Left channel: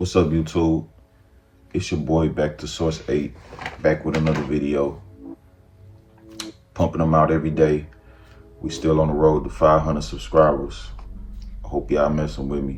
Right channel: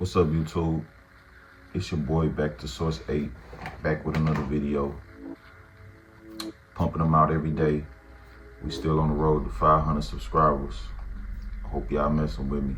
What's up, YouTube? It's your boy back to Source 8, back with another video. Pumping them out every day. We still on the road to 500 subscribers. I hope y'all messing with me.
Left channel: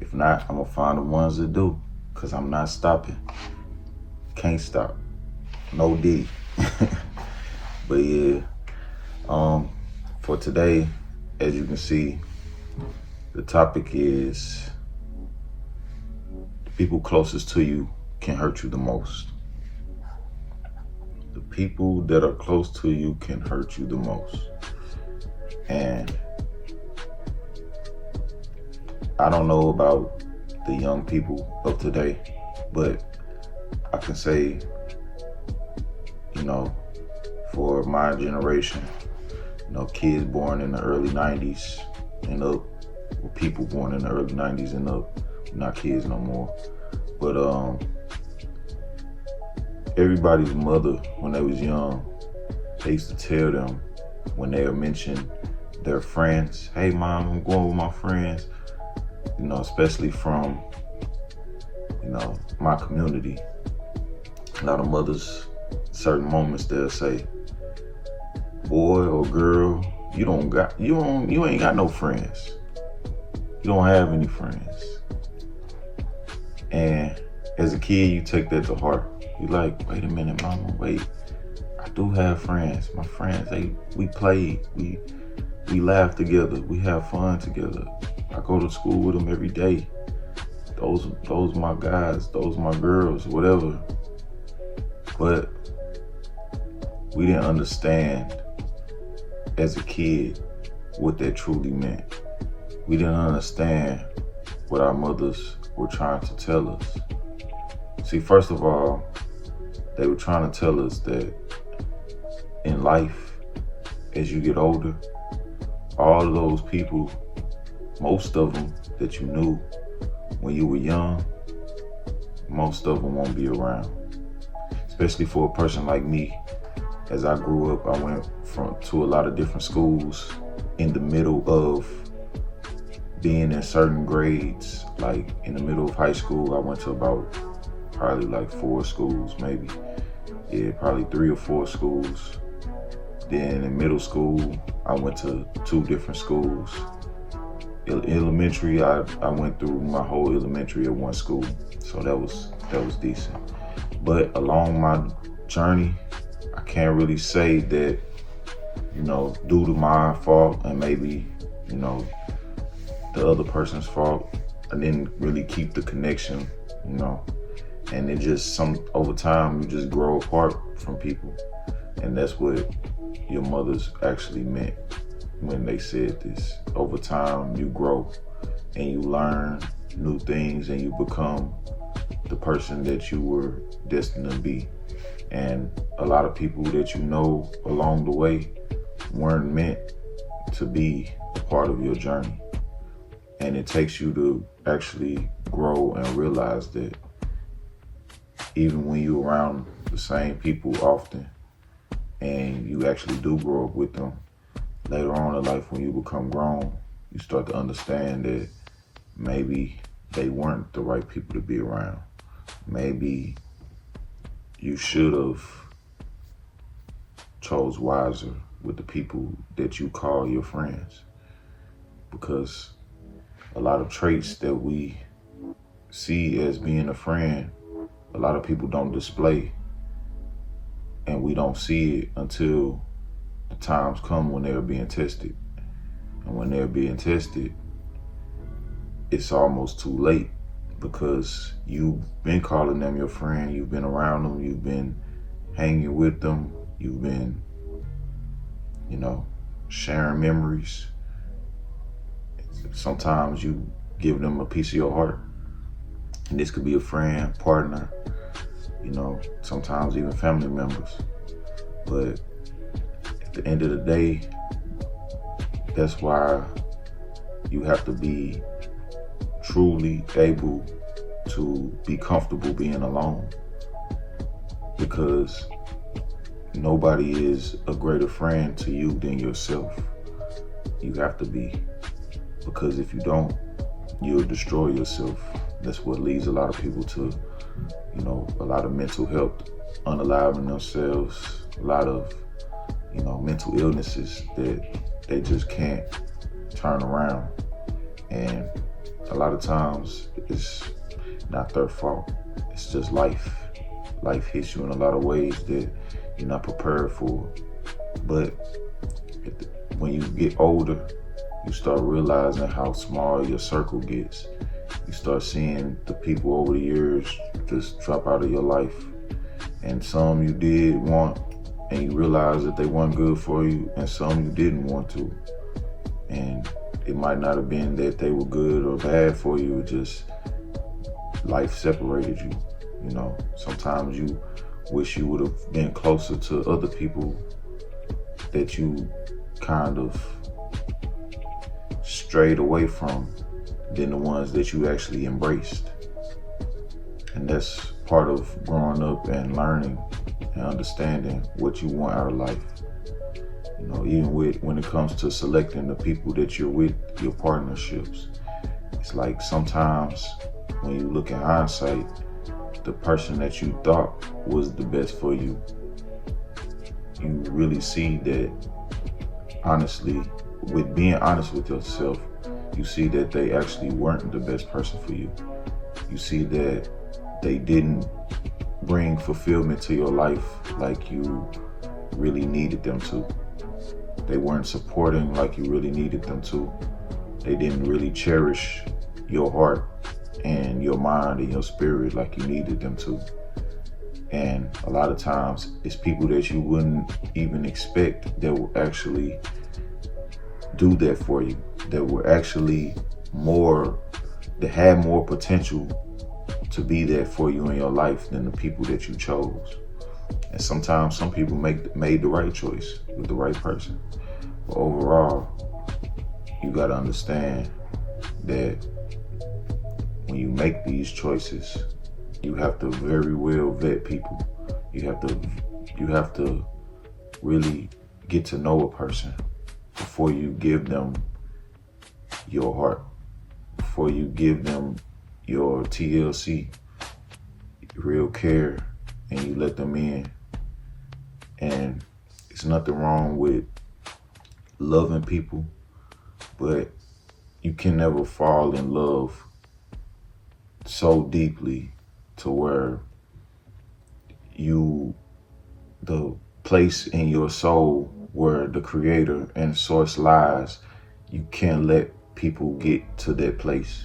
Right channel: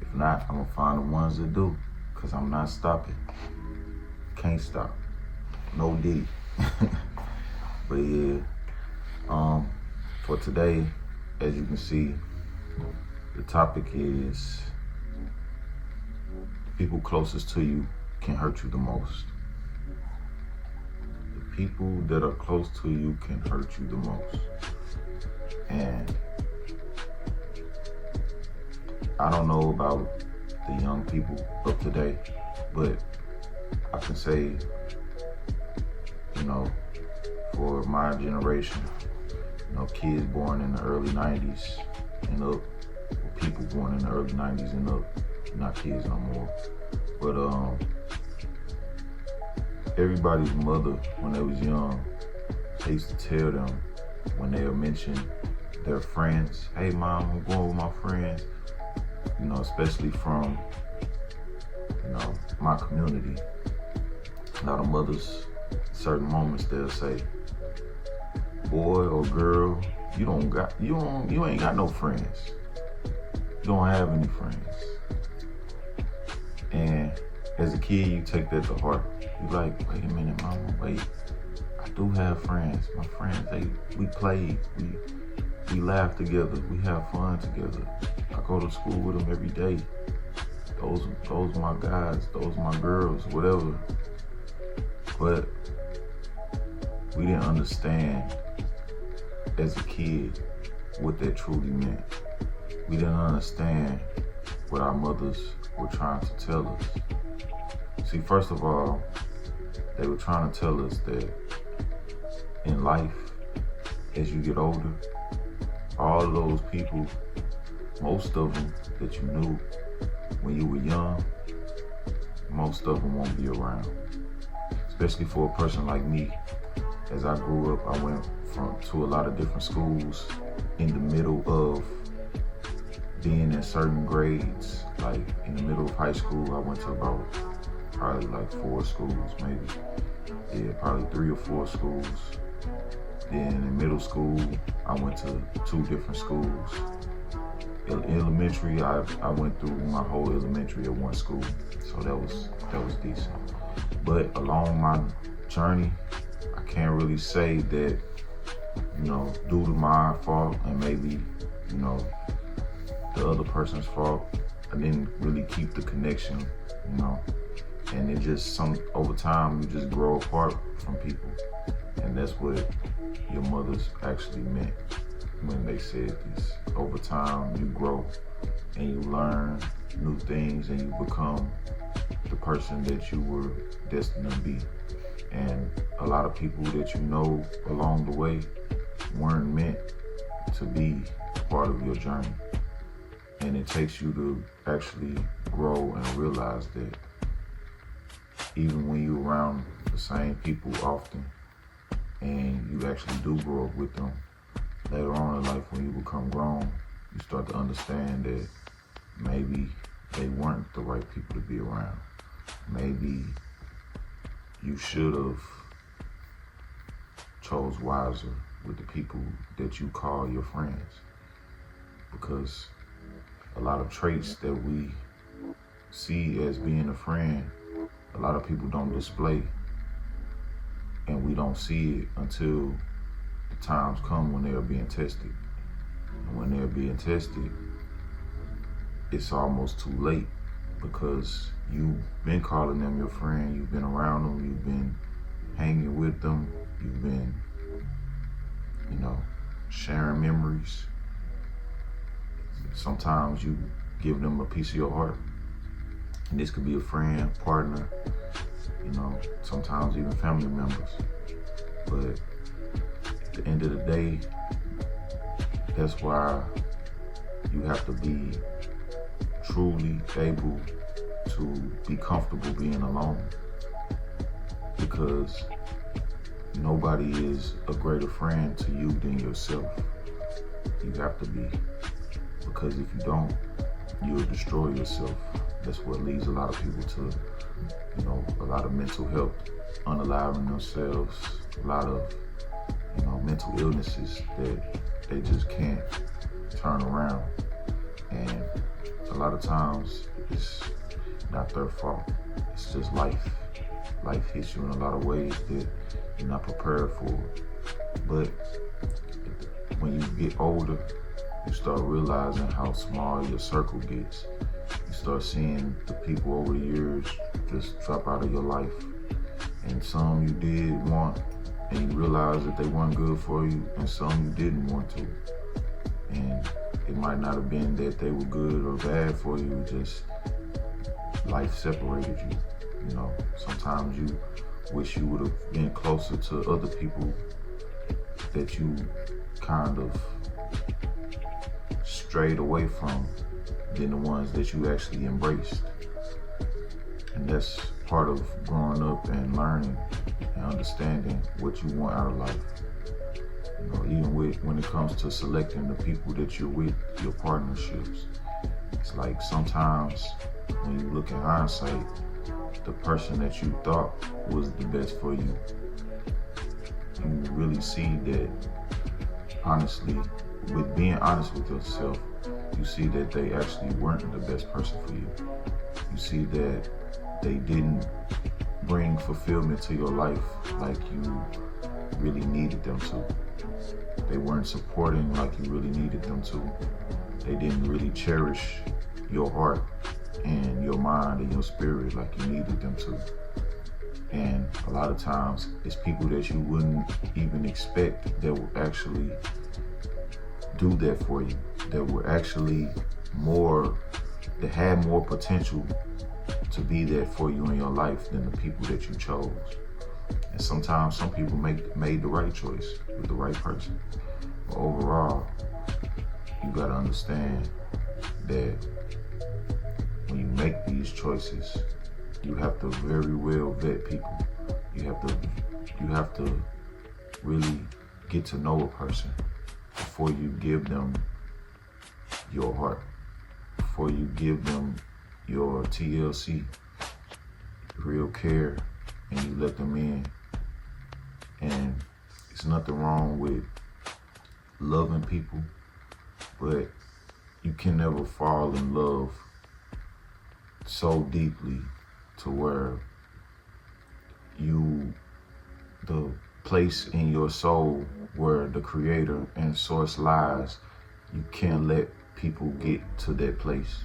If not, I'm gonna find the ones that do, cause I'm not stopping. Can't stop. No D. But yeah, for today, as you can see, the topic is the people closest to you can hurt you the most. The people that are close to you can hurt you the most. And I don't know about the young people of today, but I can say, for my generation, kids born in the early 90s and up, or people born in the early 90s and up, not kids no more. But everybody's mother, when they was young, they used to tell them when they would mention their friends, hey mom, I'm going with my friends, especially from, my community. A lot of mothers, certain moments they'll say, boy or girl, you ain't got no friends. You don't have any friends. And as a kid, you take that to heart. You like, wait a minute, mama, wait. I do have friends. My friends, we played, we laugh together, we have fun together. I go to school with them every day. Those my guys, those my girls, whatever. But we didn't understand as a kid what that truly meant. We didn't understand what our mothers were trying to tell us. See, first of all, they were trying to tell us that in life, as you get older, all of those people, most of them that you knew when you were young, most of them won't be around. Especially for a person like me. As I grew up, I went to a lot of different schools in the middle of being in certain grades. Like in the middle of high school, I went to probably like 4 schools, maybe. Yeah, probably 3 or 4 schools. Then in middle school, I went to 2 different schools. Elementary, I went through my whole elementary at one school, so that was decent. But along my journey, I can't really say that, due to my fault and maybe, the other person's fault, I didn't really keep the connection, and it just over time you just grow apart from people. And that's what your mothers actually meant when they said this. Over time you grow and you learn new things and you become the person that you were destined to be. And a lot of people that you know along the way weren't meant to be part of your journey. And it takes you to actually grow and realize that even when you're around the same people often and you actually do grow up with them, later on in life when you become grown, you start to understand that maybe they weren't the right people to be around. Maybe you should have chose wiser with the people that you call your friends, because a lot of traits that we see as being a friend, a lot of people don't display, and we don't see it until the times come when they're being tested. And when they're being tested, it's almost too late, because you've been calling them your friend, you've been around them, you've been hanging with them, you've been, sharing memories. Sometimes you give them a piece of your heart. And this could be a friend, partner, sometimes even family members. But at the end of the day, that's why you have to be truly able to be comfortable being alone, because nobody is a greater friend to you than yourself. You have to be, because if you don't, you'll destroy yourself That's what leads a lot of people to, a lot of mental health, unaliving themselves, a lot of, mental illnesses that they just can't turn around. And a lot of times it's not their fault. It's just life. Life hits you in a lot of ways that you're not prepared for. But when you get older, you start realizing how small your circle gets. You start seeing the people over the years just drop out of your life. And some you did want, and you realize that they weren't good for you, and some you didn't want to. And it might not have been that they were good or bad for you, just life separated you. Sometimes you wish you would have been closer to other people that you kind of strayed away from than the ones that you actually embraced. And that's part of growing up and learning and understanding what you want out of life. Even when it comes to selecting the people that you're with, your partnerships, it's like sometimes when you look in hindsight, the person that you thought was the best for you, you really see that, honestly, with being honest with yourself, you see that they actually weren't the best person for you. You see that they didn't bring fulfillment to your life like you really needed them to. They weren't supporting like you really needed them to. They didn't really cherish your heart and your mind and your spirit like you needed them to. And a lot of times it's people that you wouldn't even expect that will actually do that for you, that were actually that had more potential to be there for you in your life than the people that you chose. And sometimes some people made the right choice with the right person. But overall, you gotta understand that when you make these choices, you have to very well vet people. You have to really get to know a person before you give them your heart, before you give them your TLC, real care, and you let them in. And it's nothing wrong with loving people, but you can never fall in love so deeply to where the place in your soul where the creator and source lies, you can't let people get to that place.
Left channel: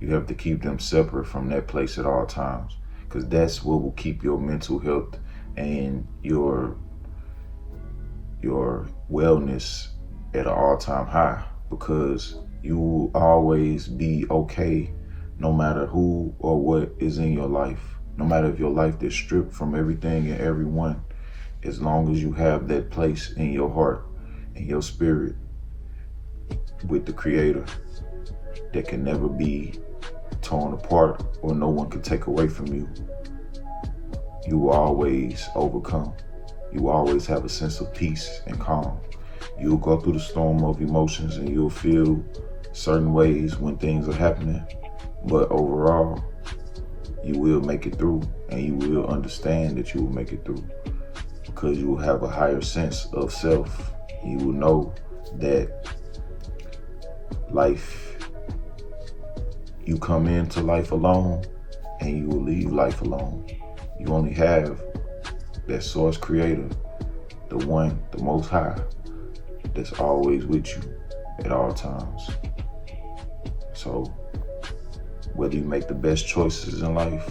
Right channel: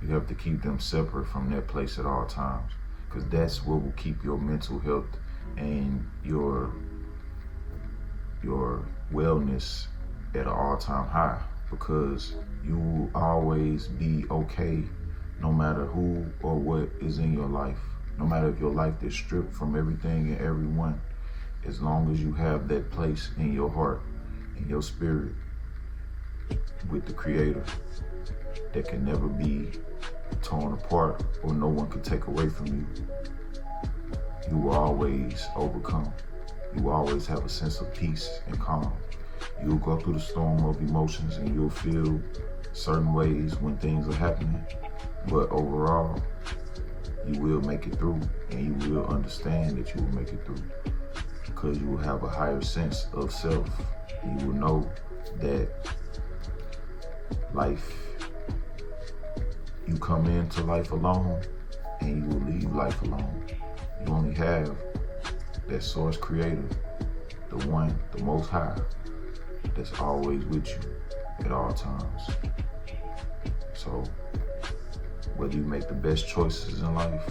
You have to keep them separate from that place at all times, because that's what will keep your mental health and your wellness at an all-time high, because you will always be okay no matter who or what is in your life, no matter if your life is stripped from everything and everyone, as long as you have that place in your heart and your spirit with the creator that can never be torn apart or no one can take away from you, you will always overcome. You will always have a sense of peace and calm. You'll go through the storm of emotions and you'll feel certain ways when things are happening, but overall, you will make it through, and you will understand that you will make it through, because you will have a higher sense of self. You will know that life, you come into life alone and you will leave life alone. You only have that source creator, the one, the most high, that's always with you at all times. So whether you make the best choices in life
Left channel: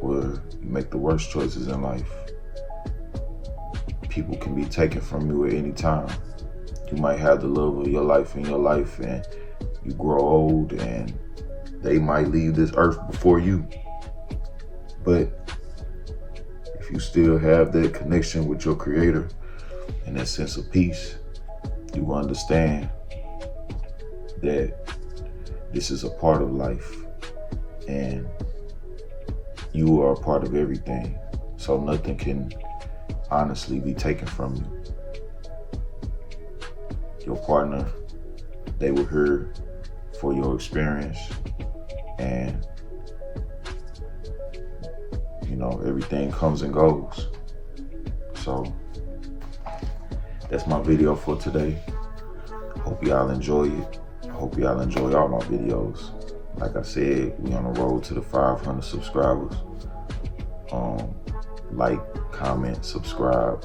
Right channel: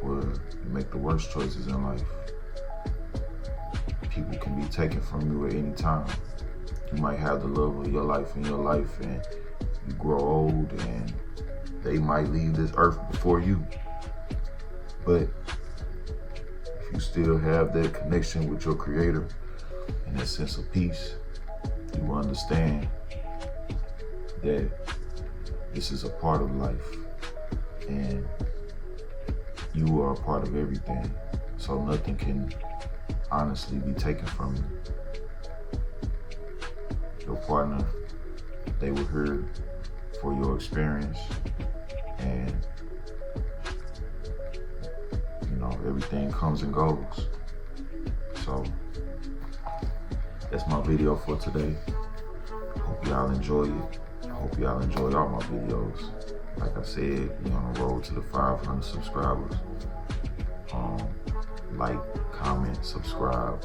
or you make the worst choices in life, people can be taken from you at any time. You might have the love of your life in your life and you grow old and they might leave this earth before you. But if you still have that connection with your creator and that sense of peace, you will understand that this is a part of life and you are a part of everything. So nothing can honestly be taken from you. Your partner, they were here for your experience, and everything comes and goes. So that's my video for today. Hope y'all enjoy it. Hope y'all enjoy all my videos. Like I said, we on the road to the 500 subscribers. Like, comment, subscribe,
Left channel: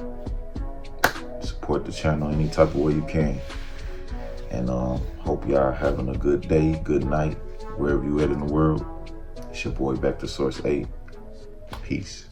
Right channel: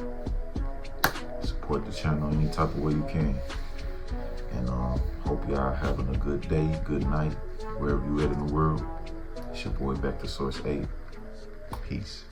support the channel any type of way you can. And hope y'all having a good day, good night, wherever you at in the world. It's your boy Back to Source 8. Peace.